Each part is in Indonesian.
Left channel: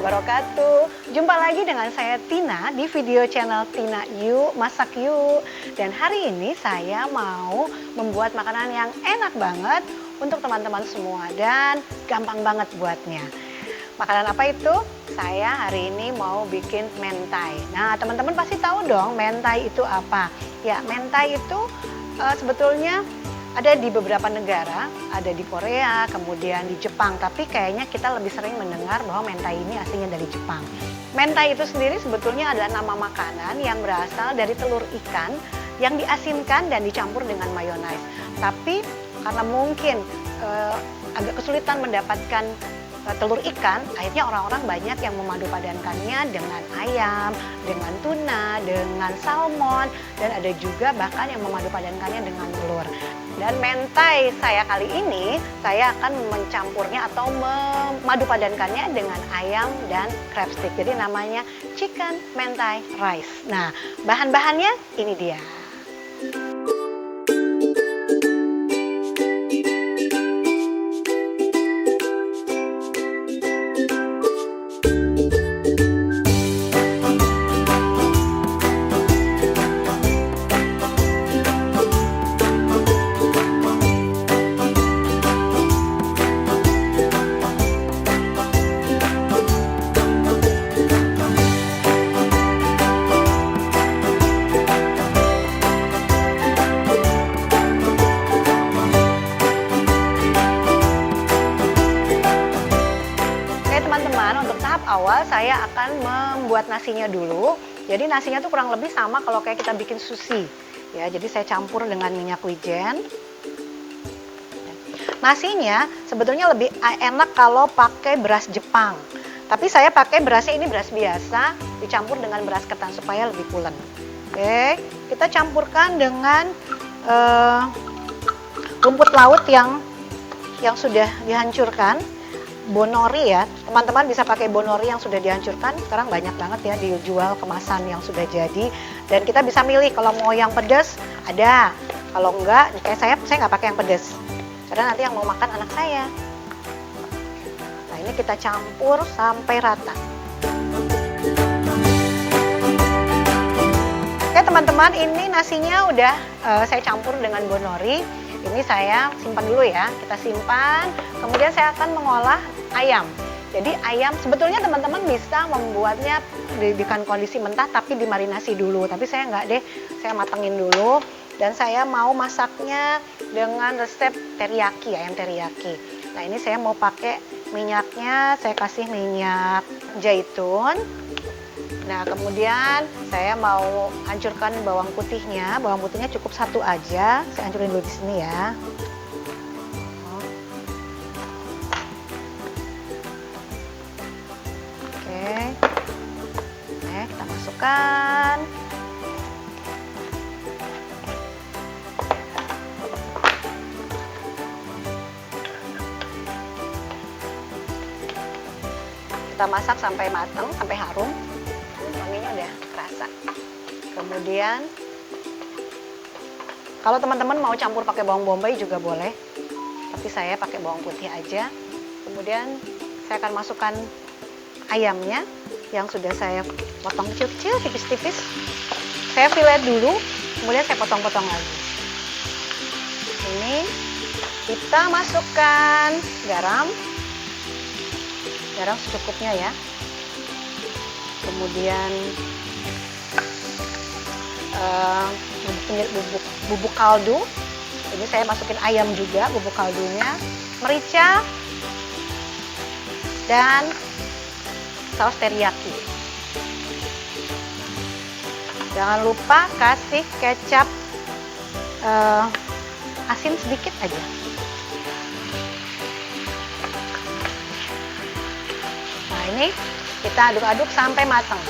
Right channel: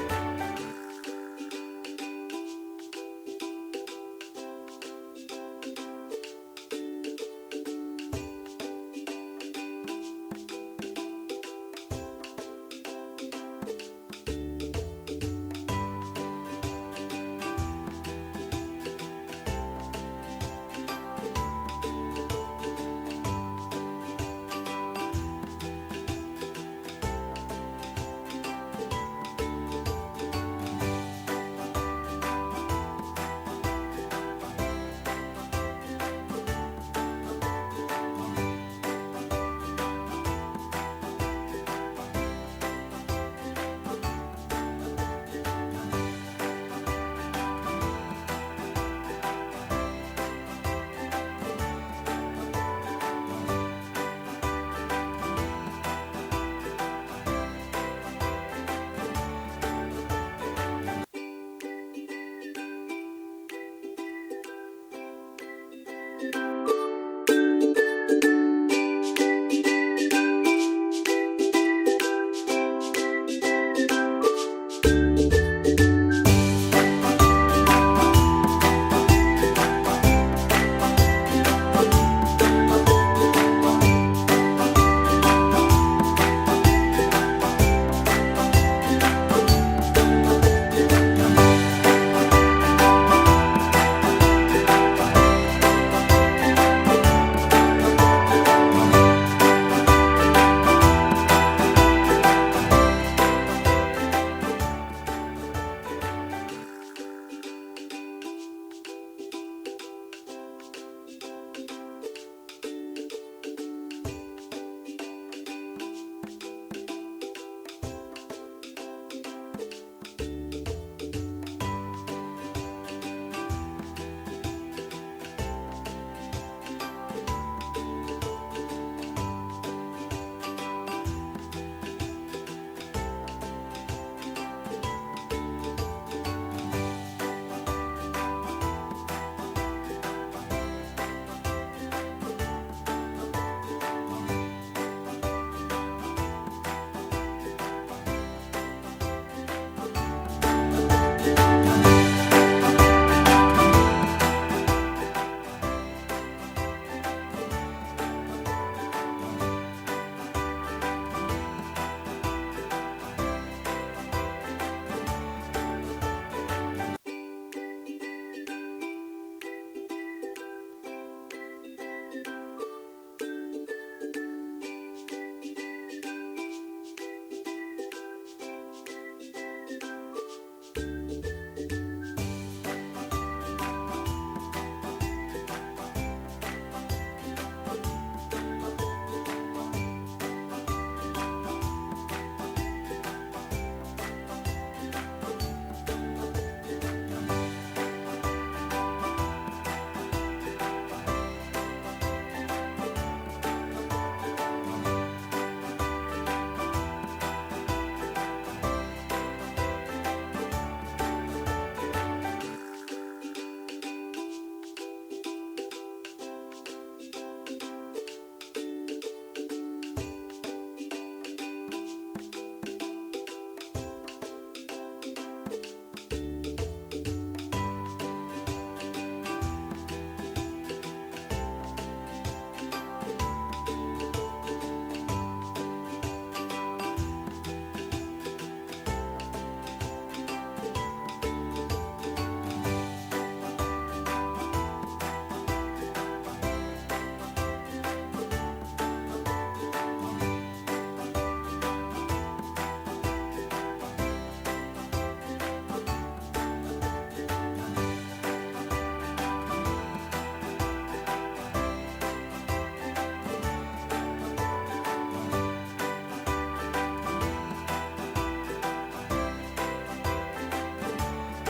wabarakatuh. Jumpa lagi dengan saya Tina di video channel Tina Yuk Masak Yuk. Dan hari ini saya mau membuat makanan yang enak banget untuk teman-teman semua dan gampang banget buatnya. Makanan apa itu? Saya hari ini mau bikin mentai. Nah, teman-teman pasti tahu dong mentai itu apa. Ya, mentai itu sebetulnya ada di beberapa negara, ada di Korea, kemudian di Jepang. Tapi kayaknya kita lebih sering mendengar bahwa mentai ini aslinya dari Jepang. Mentai itu sendiri sebetulnya adalah nama makanan yang berasal dari telur ikan yang diasinkan dan dicampur dengan mayones. Tapi karena mungkin agak kesulitan mendapatkan telur ikan, akhirnya orang-orang banyak yang memadupadankannya dengan ayam, dengan tuna, dengan salmon, dan ada juga bahkan yang memadupadankannya dengan telur. Dan mentai saya kali ini, saya akan mencampurnya atau memadupadankannya dengan ayam dan crab stick. Jadi namanya chicken mentai rice. Nah, bahan-bahannya ini dia. Saya akan membuat nasinya dulu. Jadi nasinya tuh kurang lebih sama kalau kayak kita bikin sushi. Ya, jadi saya campur dengan minyak wijen. Nasinya sebetulnya lebih enak kalau pakai beras Jepang. Tapi saya pakai berasnya ini beras biasa dicampur dengan beras ketan supaya lebih pulen. Oke, kita campurkan dengan rumput laut yang sudah dihancurkan. Bonori ya, teman-teman bisa pakai bonori yang sudah dihancurkan. Sekarang banyak banget ya dijual kemasan yang sudah jadi. Dan kita bisa milih kalau mau yang pedas ada, kalau enggak, kayak saya nggak pakai yang pedas. Karena nanti yang mau makan anak saya. Nah, ini kita campur sampai rata. Oke teman-teman, ini nasinya udah saya campur dengan bonori. Ini saya simpan dulu ya, kita simpan. Kemudian saya akan mengolah ayam. Jadi ayam sebetulnya teman-teman bisa membuatnya dengan kondisi mentah tapi dimarinasi dulu. Tapi saya nggak deh, saya matengin dulu. Dan saya mau masaknya dengan resep teriyaki, ayam teriyaki. Nah ini saya mau pakai minyaknya, saya kasih minyak zaitun. Nah kemudian saya mau hancurkan bawang putihnya. Bawang putihnya cukup satu aja, saya hancurin dulu di sini ya. Oke, kita masukkan. Kita masak sampai matang, sampai harum. Kemudian kalau teman-teman mau campur pakai bawang bombay juga boleh, tapi saya pakai bawang putih aja. Kemudian saya akan masukkan ayamnya yang sudah saya potong kecil-kecil, tipis-tipis. Saya fillet dulu, kemudian saya potong-potong lagi. Ini kita masukkan garam secukupnya ya. Kemudian bubuk kaldu. Ini saya masukin ayam juga, bubuk kaldunya, merica, dan saus teriyaki. Jangan lupa kasih kecap asin sedikit aja. Nah ini kita aduk-aduk sampai matang.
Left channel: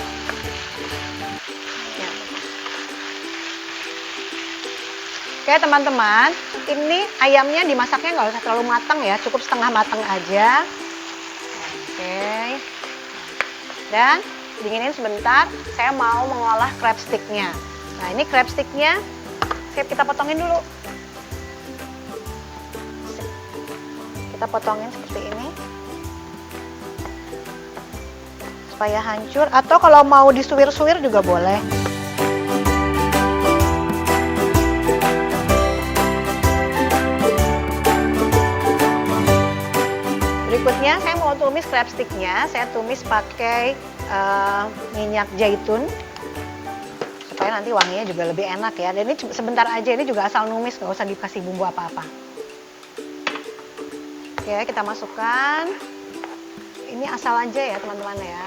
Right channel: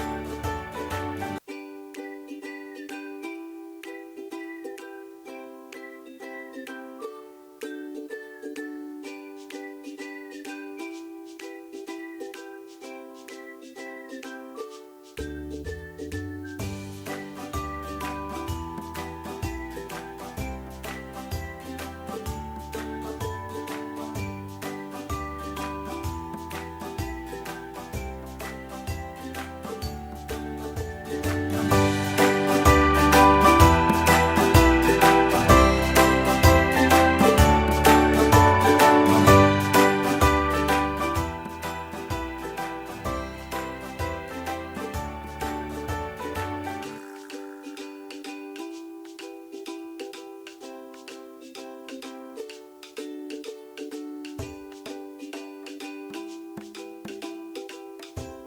Oke teman-teman, ini ayamnya dimasaknya nggak usah terlalu matang ya, cukup setengah matang aja. Oke, dan dinginin sebentar, saya mau mengolah crab sticknya. Nah ini crab sticknya, kita potongin dulu. Kita potongin seperti ini. supaya hancur, atau kalau mau disuwir-suwir juga boleh. Berikutnya saya mau tumis crab sticknya. Saya tumis pakai minyak zaitun supaya nanti wanginya juga lebih enak ya. Dan ini sebentar aja, ini juga asal numis, nggak usah dikasih bumbu apa-apa. Oke, kita masukkan. Ini asal aja ya teman-teman ya.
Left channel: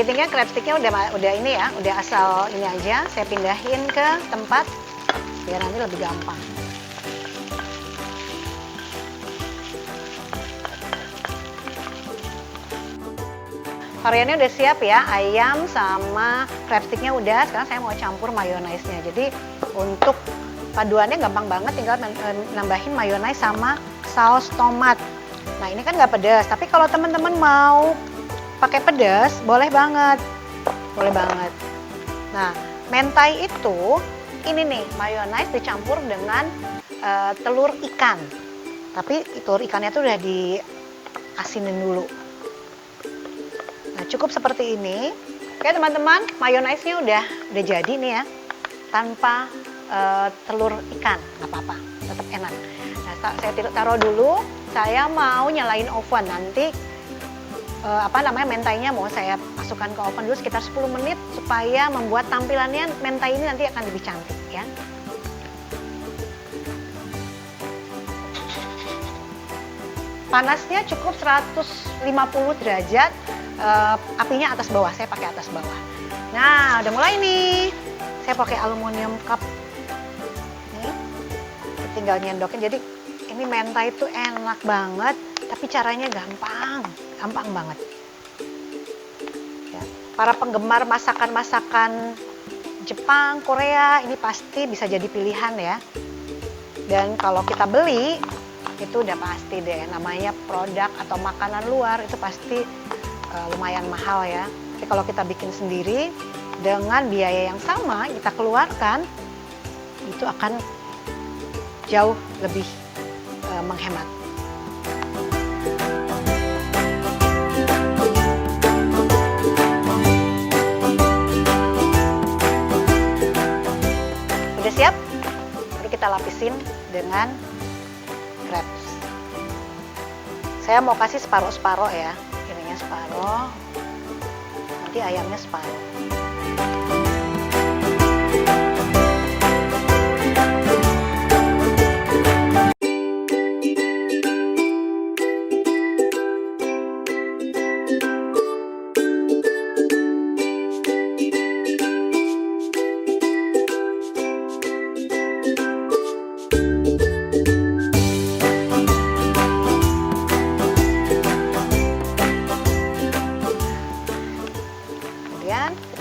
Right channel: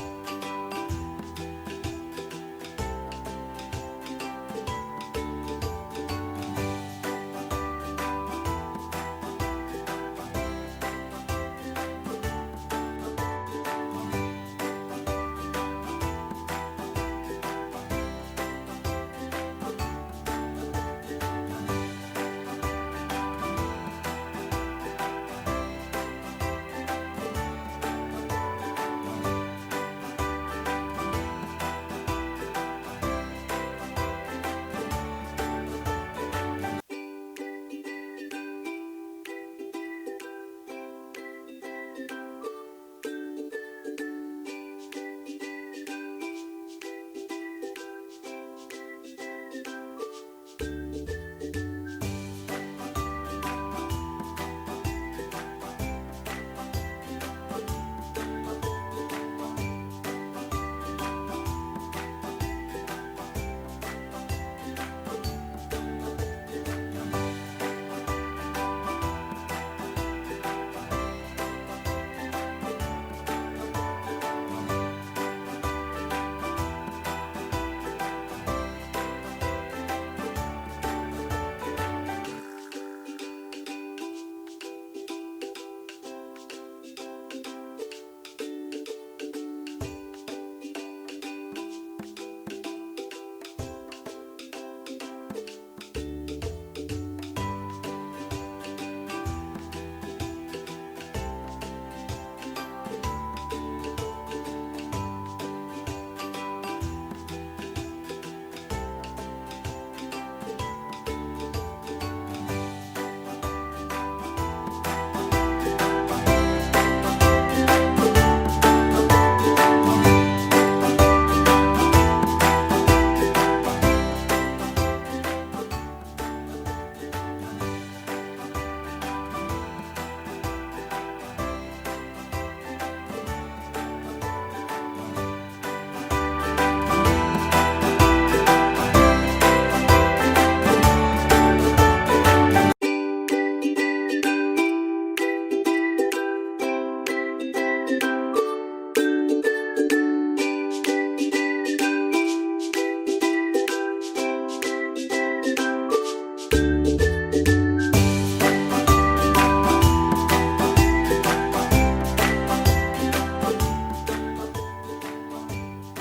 Kepitingnya, crab sticknya udah ini ya, udah asal ini aja. Saya pindahin ke tempat biar nanti lebih gampang. Variannya udah siap ya, ayam sama crab sticknya udah. Sekarang saya mau campur mayonaise-nya. Jadi untuk paduannya gampang banget, tinggal nambahin mayonaise sama saus tomat. Nah ini kan nggak pedas, tapi kalau teman-teman mau pakai pedas boleh banget, boleh banget. Nah mentai itu ini nih, mayonaise dicampur dengan telur ikan. Tapi telur ikannya tuh udah diasinin dulu. Nah, cukup seperti ini. Oke teman-teman, mayonaise-nya udah jadi nih ya, tanpa telur ikan, nggak apa-apa, tetap enak. Nah, saya taruh dulu. Saya mau nyalain oven nanti. Mentainya mau saya masukkan ke oven dulu sekitar 10 menit supaya membuat tampilannya mentai ini nanti akan lebih cantik ya. Panasnya cukup 150 derajat. Apinya atas bawah, saya pakai atas bawah. Nah udah mulai nih, saya pakai aluminium cup. Tinggal nyendokin. Jadi ini mentai itu enak banget, tapi caranya gampang banget ya. Para penggemar masakan-masakan Jepang, Korea ini pasti bisa jadi pilihan ya. Dan kalau kita beli itu udah pasti deh, namanya produk atau makanan luar itu pasti lumayan mahal ya. Tapi kalau kita bikin sendiri dengan biaya yang sama kita keluarkan, itu akan jauh lebih menghemat. Udah siap? Lalu kita lapisin dengan crabs. Saya mau kasih separuh-separuh ya. Ininya separuh, nanti ayamnya separuh.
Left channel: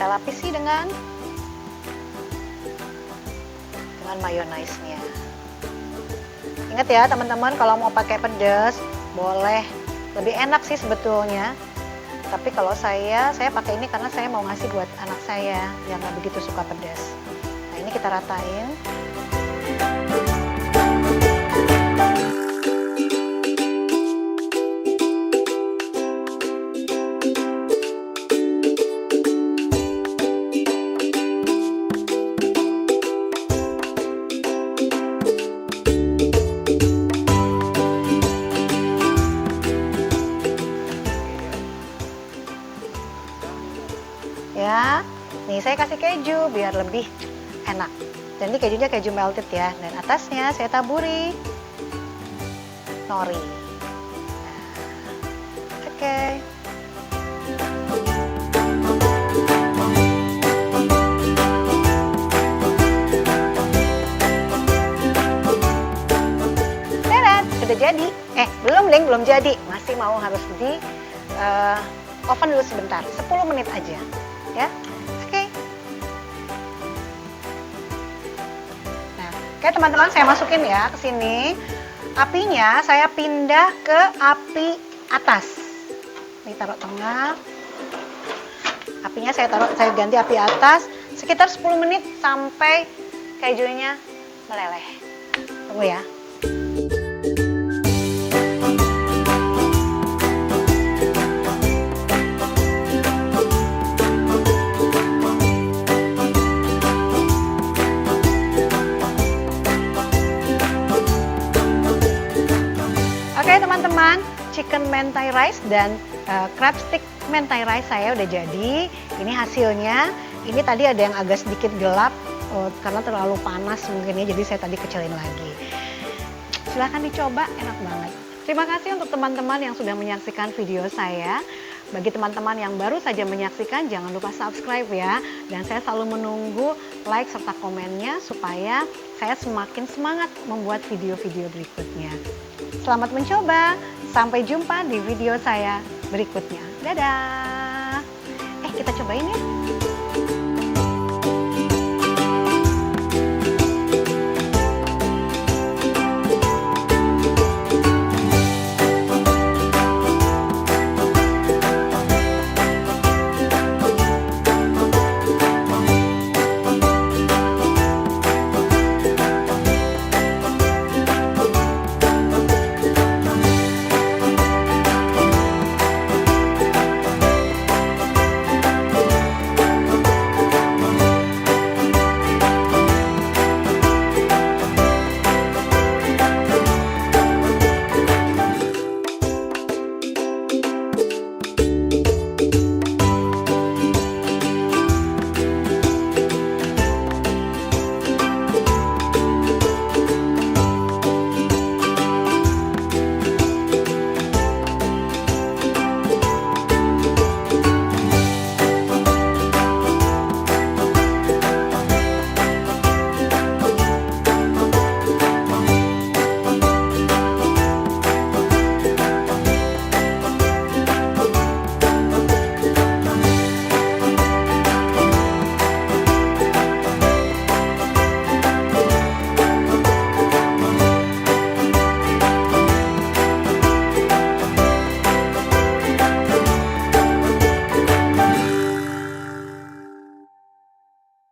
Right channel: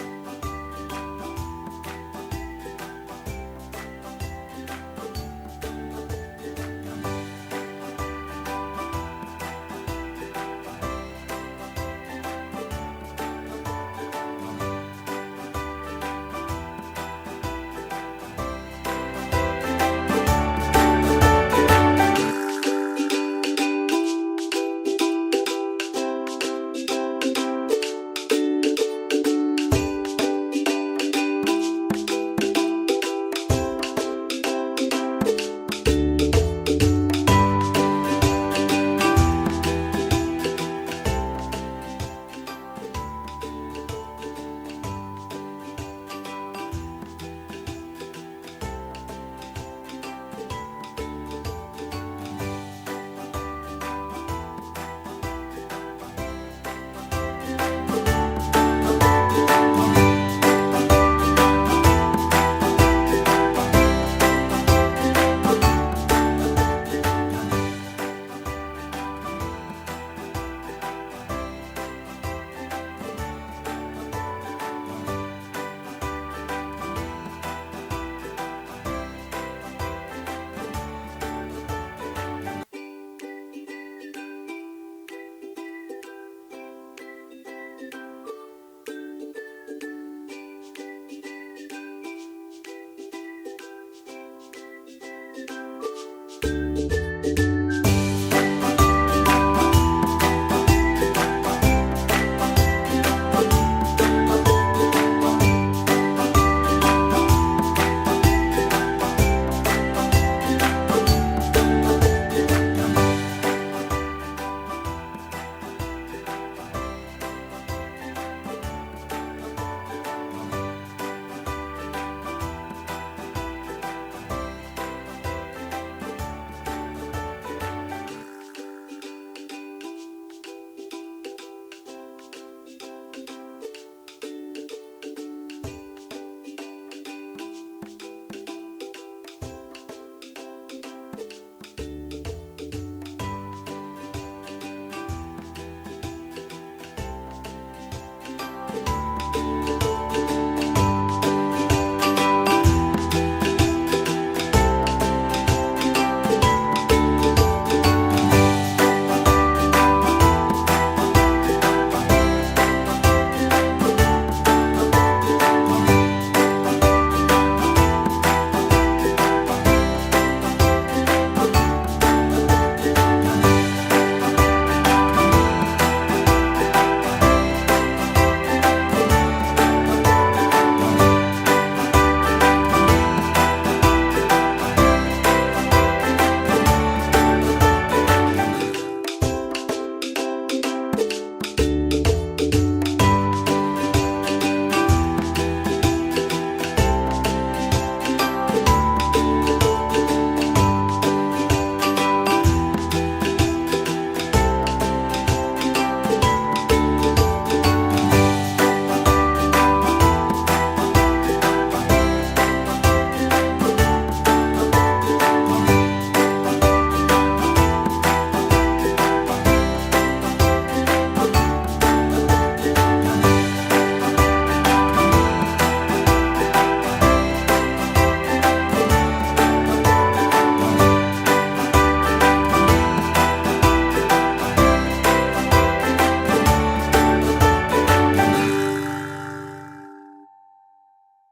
Lapisi dengan mayonaise-nya. Ingat ya teman-teman, kalau mau pakai pedas boleh, lebih enak sih sebetulnya. Tapi kalau saya pakai ini karena saya mau ngasih buat anak saya yang nggak begitu suka pedas. Nah ini kita ratain. Ya, nih saya kasih keju biar lebih enak. Dan ini kejunya keju melted ya. Dan atasnya saya taburi nori. Nah, oke. Udah jadi. Belum jadi. Masih mau harus di oven dulu sebentar, 10 menit aja. Ya, oke. Nah, oke teman-teman, saya masukin ya ke sini. Apinya saya pindah ke api atas. Ini taruh tengah. Apinya saya ganti api atas. sekitar 10 menit sampai kejunya meleleh. Tunggu ya. Oke teman-teman, chicken mentai rice dan crab stick mentai rice saya udah jadi. Ini hasilnya. Ini tadi ada yang agak sedikit gelap karena terlalu panas mungkin ya, jadi saya tadi kecilin lagi. Silahkan dicoba, enak banget. Terima kasih untuk teman-teman yang sudah menyaksikan video saya. Bagi teman-teman yang baru saja menyaksikan, jangan lupa subscribe ya. Dan saya selalu menunggu like serta komennya supaya saya semakin semangat membuat video-video berikutnya. Selamat mencoba, sampai jumpa di video saya berikutnya. Dadah! Kita cobain ya.